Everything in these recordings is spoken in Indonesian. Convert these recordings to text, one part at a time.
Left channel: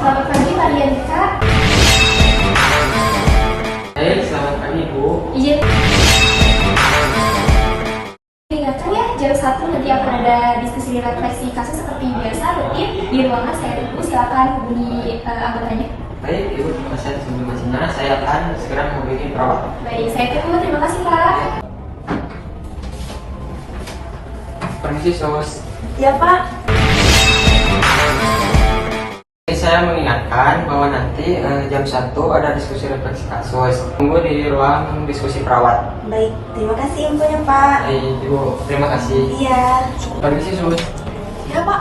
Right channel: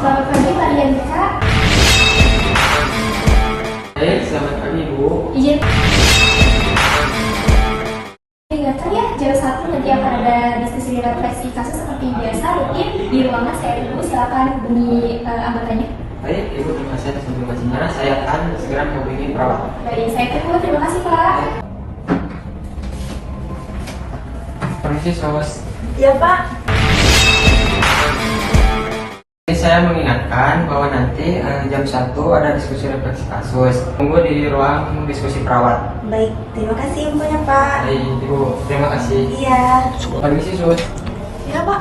Selamat pagi, Pak Rianita. Selamat pagi, Bu. Izin. Ingatkan ya, jam 1 nanti akan ada diskusi refleksi kasus seperti biasa rutin di ruangan saya tunggu. Silakan hubungi anggotanya. Baik, Ibu, terima kasih atas informasinya. Saya akan segera menghubungi perawat. Baik, saya tunggu. Terima kasih, Pak. Permisi, Sos. Ya Pak. Saya mengingatkan bahwa nanti jam 1 ada diskusi refleksi kasus. Tunggu di ruang diskusi perawat. Baik, terima kasih infonya Pak. Baik, Ibu, terima kasih. Iya. Permisi, Sos. Ya Pak.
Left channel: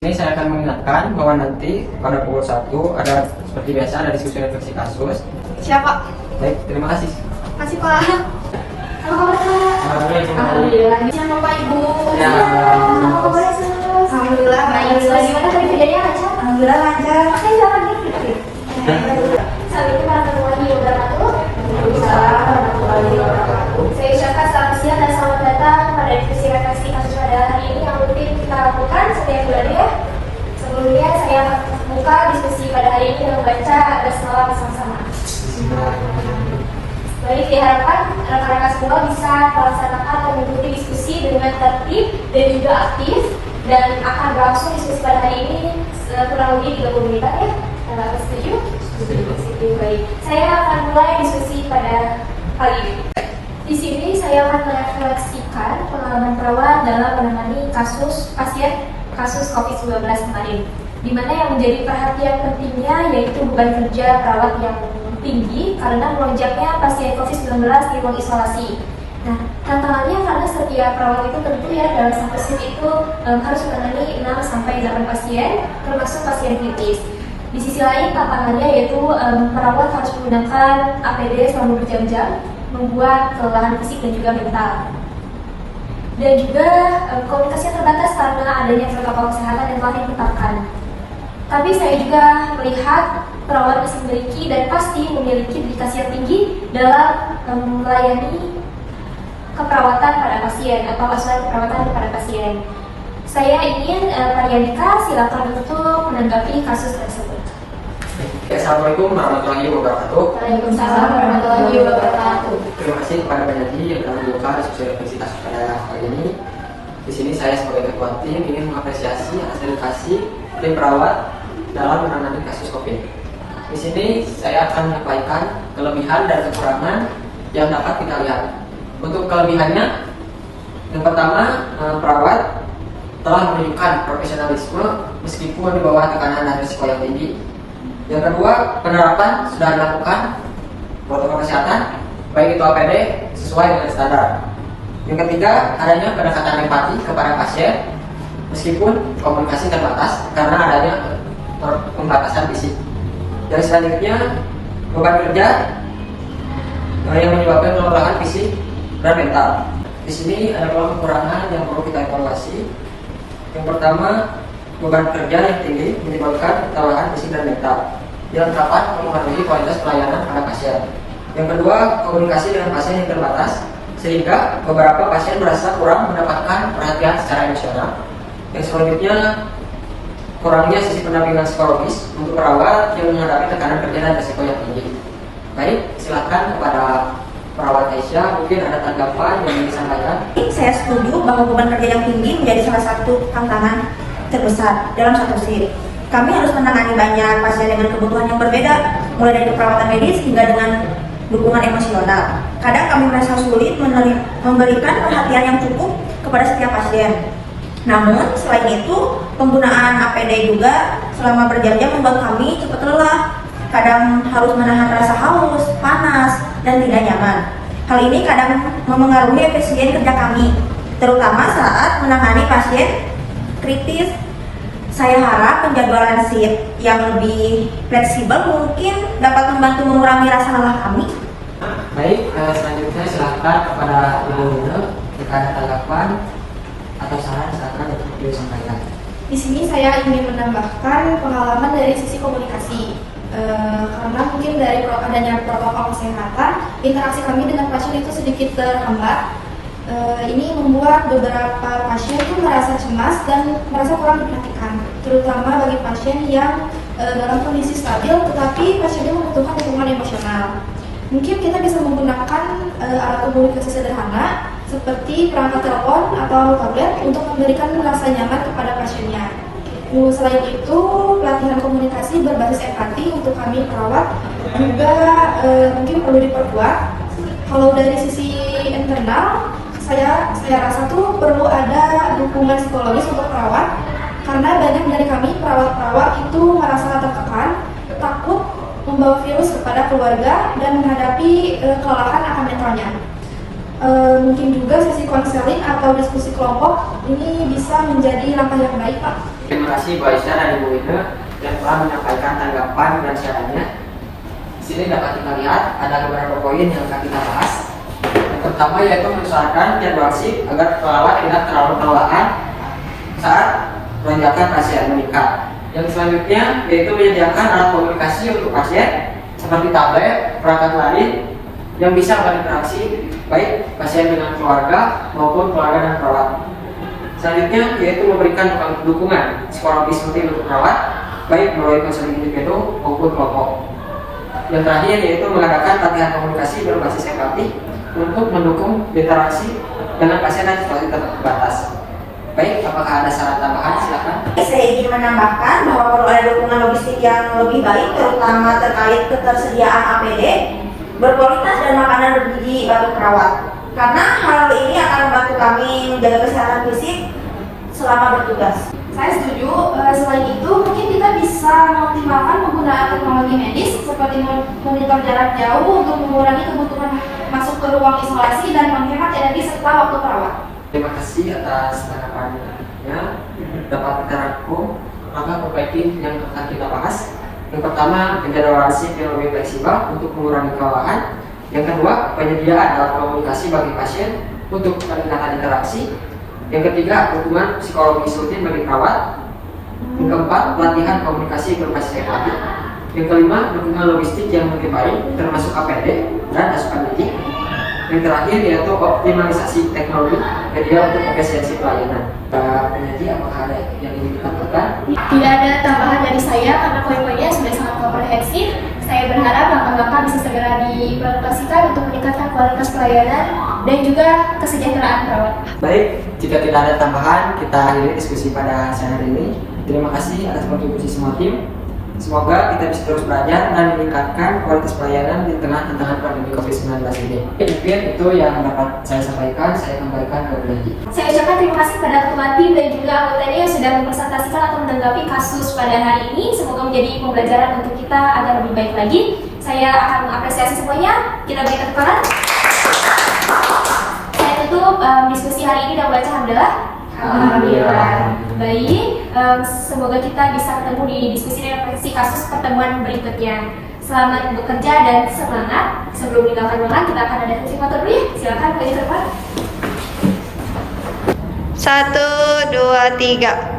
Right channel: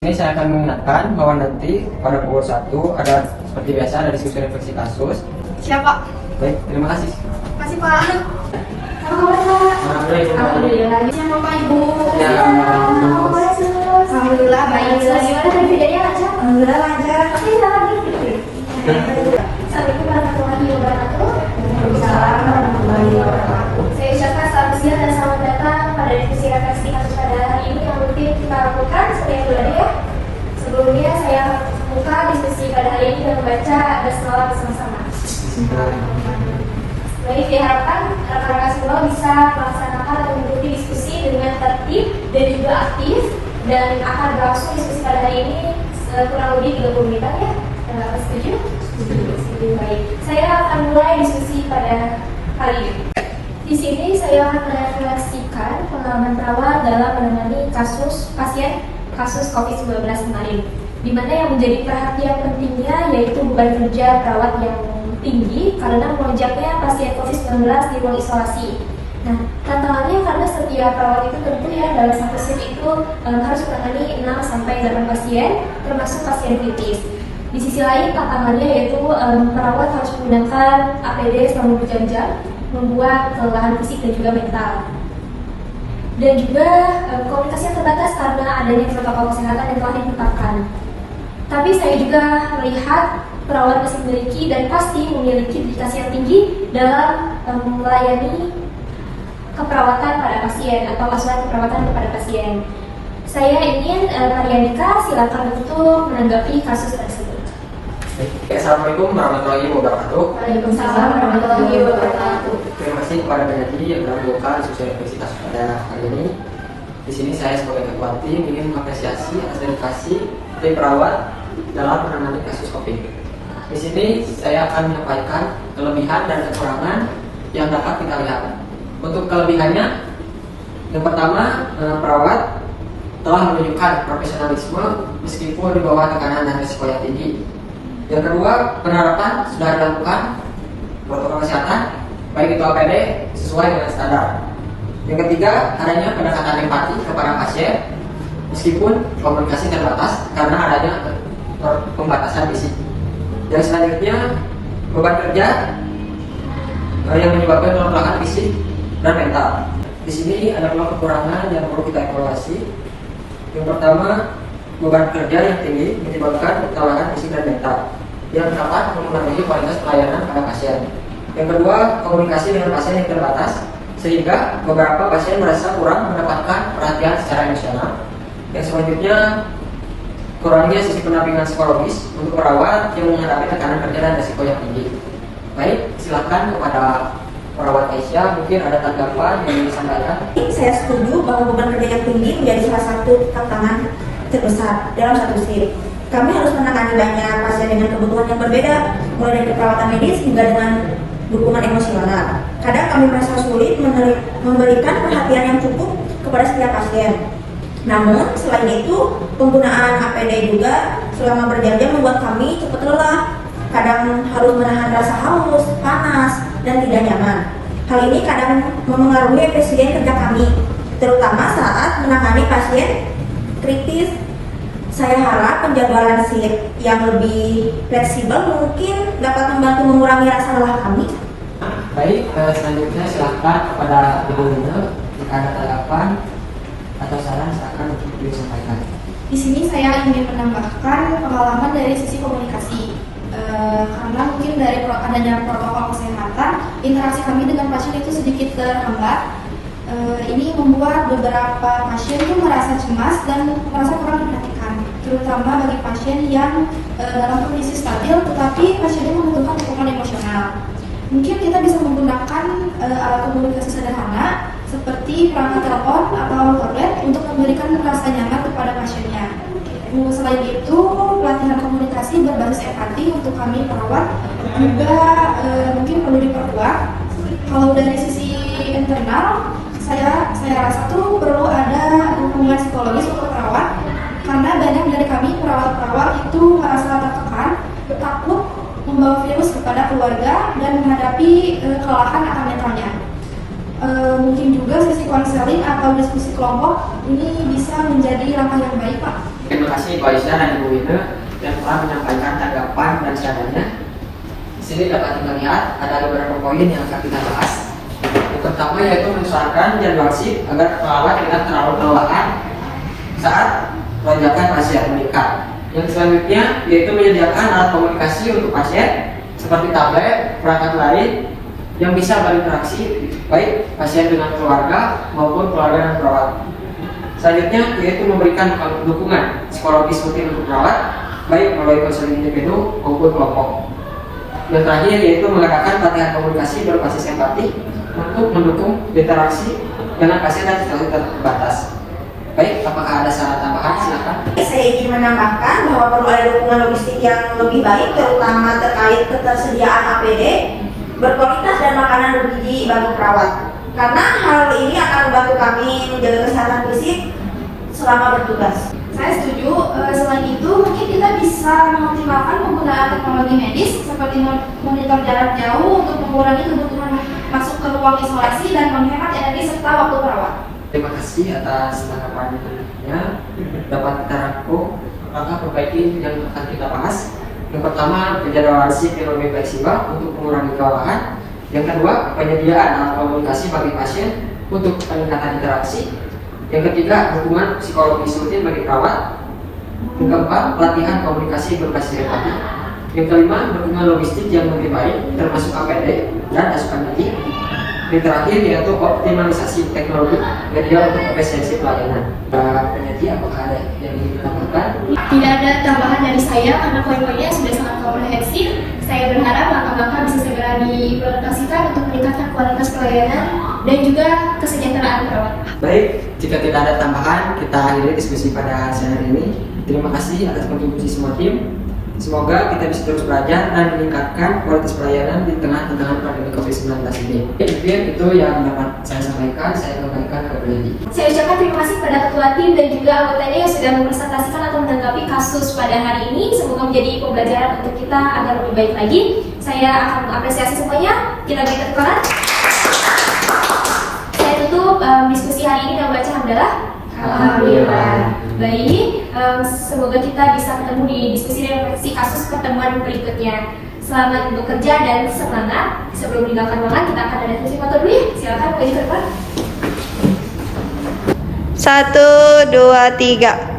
Ini saya akan mengingatkan bahwa nanti pada pukul 1 ada seperti biasa ada diskusi refleksi kasus. Siap Pak. Baik, terima kasih. Terima kasih Pak. Alhamdulillah. Sama Pak Ibu. Ya. Alhamdulillah. Baik, gimana tadi bedanya lancar? Alhamdulillah lancar. Oke, silakan. Assalamualaikum warahmatullahi wabarakatuh. Waalaikumsalam warahmatullahi wabarakatuh. Saya ucapkan selamat siang dan selamat datang pada diskusi refleksi kasus pada hari ini yang rutin kita lakukan setiap bulannya ya. Sebelumnya saya buka diskusi pada hari ini dengan membaca basmalah bersama-sama. Baik, diharapkan rekan-rekan semua bisa melaksanakan dan mengikuti diskusi dengan tertib dan juga aktif, dan akan berlangsung diskusi pada hari ini kurang lebih 30 menit ya. Setuju? Setuju. Baik. Saya akan mulai diskusi pada kali ini. Di sini saya akan merefleksikan pengalaman perawat dalam menangani kasus pasien kasus COVID-19 kemarin, di mana yang menjadi perhatian pentingnya yaitu beban kerja perawat yang tinggi karena melonjaknya pasien COVID-19 di ruang isolasi. Nah, tantangannya karena setiap perawat itu tentu ya dalam satu shift itu harus menangani 6-8 pasien, termasuk pasien kritis. Di sisi lain tantangannya yaitu perawat harus menggunakan APD selama berjam-jam, membuat kelelahan fisik dan juga mental. Dan juga komunikasi yang terbatas karena adanya protokol kesehatan yang telah ditetapkan. Tapi saya juga melihat perawat masih memiliki dan pasti memiliki dedikasi yang tinggi dalam melayani keperawatan pada pasien atau asuhan keperawatan kepada pasien. Saya ingin Pak Rianita silakan untuk menanggapi kasus tersebut. Assalamualaikum warahmatullahi wabarakatuh. Waalaikumsalam warahmatullahi wabarakatuh. Terima kasih kepada penyaji yang telah membuka diskusi refleksi kasus pada hari ini. Di sini saya sebagai ketua tim ingin mengapresiasi hasil dedikasi tim perawat dalam menangani kasus COVID. Di sini saya akan menyampaikan kelebihan dan kekurangan yang dapat kita lihat. Untuk kelebihannya, yang pertama, perawat telah menunjukkan profesionalisme meskipun di bawah tekanan dan risiko yang tinggi. Yang kedua, penerapan sudah dilakukan protokol kesehatan, baik itu APD sesuai dengan standar. Yang ketiga, adanya pendekatan empati kepada pasien meskipun komunikasi terbatas karena adanya pembatasan fisik. Yang selanjutnya, beban kerja yang menyebabkan kelelahan fisik dan mental. Di sini ada kekurangan yang perlu kita evaluasi. Yang pertama, beban kerja yang tinggi menyebabkan kelelahan fisik dan mental yang dapat memengaruhi kualitas pelayanan pada pasien. Yang kedua, komunikasi dengan pasien yang terbatas sehingga beberapa pasien merasa kurang mendapatkan perhatian secara emosional. Yang selanjutnya, kurangnya sisi pendampingan psikologis untuk perawat yang menghadapi tekanan kerja dan risiko yang tinggi. Baik, silakan kepada perawat Aisyah, mungkin ada tanggapan yang ingin disampaikan. Saya setuju bahwa beban kerja yang tinggi menjadi salah satu tantangan terbesar dalam satu shift. Kami harus menangani banyak pasien dengan kebutuhan yang berbeda, mulai dari keperawatan medis hingga dengan dukungan emosional. Kadang kami merasa sulit memberikan perhatian yang cukup kepada setiap pasien. Namun, selain itu, penggunaan APD juga selama berjam-jam membuat kami cepat lelah. Kadang harus menahan rasa haus, panas, dan tidak nyaman. Hal ini kadang memengaruhi efisien kerja kami, terutama saat menangani pasien kritis. Saya harap penjadwalan shift yang lebih fleksibel mungkin dapat membantu mengurangi rasa lelah kami. Baik, selanjutnya silakan kepada Ibu Nuna jika ada tanggapan atau saran silakan untuk disampaikan. Di sini saya ingin menambahkan pengalaman dari sisi komunikasi. Karena mungkin dari adanya protokol kesehatan, interaksi kami dengan pasien itu sedikit terhambat. Ini membuat beberapa pasien tuh merasa cemas dan merasa kurang diperhatikan, terutama bagi pasien yang dalam kondisi stabil tetapi pasiennya membutuhkan dukungan emosional. Mungkin kita bisa menggunakan alat komunikasi sederhana seperti perangkat telepon atau tablet untuk memberikan rasa nyaman kepada pasiennya. Selain itu, pelatihan komunikasi berbasis empati untuk kami perawat juga mungkin perlu diperkuat. Kalau dari sisi internal, saya rasa tuh perlu ada dukungan psikologis untuk perawat, karena banyak dari kami perawat-perawat itu merasa tertekan, takut membawa virus kepada keluarga dan menghadapi kelelahan akan mentalnya. Mungkin juga sesi konseling atau diskusi kelompok ini bisa menjadi langkah yang baik, Pak. Terima kasih Bu Aisyah dan Ibu Ika yang telah menyampaikan tanggapan dan sarannya. Di sini dapat kita lihat ada beberapa poin yang akan kita bahas. Yang pertama yaitu mengusahakan jadwal shift agar perawat tidak terlalu kelelahan saat lonjakan pasien meningkat. Yang selanjutnya yaitu menyediakan alat komunikasi untuk pasien seperti tablet, perangkat lain yang bisa berinteraksi baik pasien dengan keluarga maupun keluarga dan perawat. Selanjutnya yaitu memberikan dukungan psikologis rutin untuk perawat baik melalui konseling individu maupun kelompok. Yang terakhir yaitu mengadakan latihan komunikasi berbasis empati untuk mendukung interaksi dengan pasien yang situasi terbatas. Baik, apakah ada syarat tambahan? Silakan. Saya ingin menambahkan bahwa perlu ada dukungan logistik yang lebih baik, terutama terkait ketersediaan APD berkualitas dan makanan bergizi bagi perawat. Karena hal ini akan membantu kami menjaga kesehatan fisik selama bertugas. Saya setuju. Selain itu, mungkin kita bisa mengoptimalkan penggunaan teknologi medis seperti monitor jarak jauh untuk mengurangi kebutuhan masuk ke ruang isolasi dan menghemat energi serta waktu perawat. Terima kasih atas tanggapannya. Dapat kita rangkum langkah perbaiki yang akan kita bahas. Yang pertama, penjadwalan shift yang lebih fleksibel untuk mengurangi kelelahan. Yang kedua, penyediaan alat komunikasi bagi pasien untuk peningkatan interaksi. Yang ketiga, dukungan psikologis rutin bagi perawat. Yang keempat, pelatihan komunikasi berbasis empati. Yang kelima, dukungan logistik yang lebih baik termasuk APD dan asupan gizi. Yang terakhir yaitu optimalisasi teknologi media untuk efisiensi pelayanan. Peneliti, apakah ada yang ingin ditambahkan? Tidak ada tambahan dari saya karena poin-poinnya sudah sangat komprehensif. Saya berharap langkah-langkah bisa segera diimplementasikan untuk meningkatkan kualitas pelayanan dan juga kesejahteraan perawat. Baik, jika tidak ada tambahan, kita akhiri diskusi pada siang hari ini. Terima kasih atas kontribusi semua tim. Semoga kita bisa terus belajar dan meningkatkan kualitas pelayanan di tengah tantangan pandemi COVID-19 ini. Mungkin itu yang dapat saya sampaikan. Saya kembalikan ke peneliti. Saya ucapkan terima kasih kepada ketua tim dan juga anggotanya yang sudah mempresentasikan atau menanggapi kasus pada hari ini. Semoga menjadi pembelajaran untuk kita agar lebih baik lagi. Saya akan mengapresiasi semuanya. Kita beri tepuk tangan. Saya tutup diskusi hari ini dengan baca hamdalah. Alhamdulillah. Baik, semoga kita bisa ketemu di diskusi refleksi kasus pertemuan berikutnya. Selamat bekerja dan semangat. Sebelum meninggalkan ruangan, kita akan ada sesi foto dulu ya. Silakan, Pak. 1, 2, 3.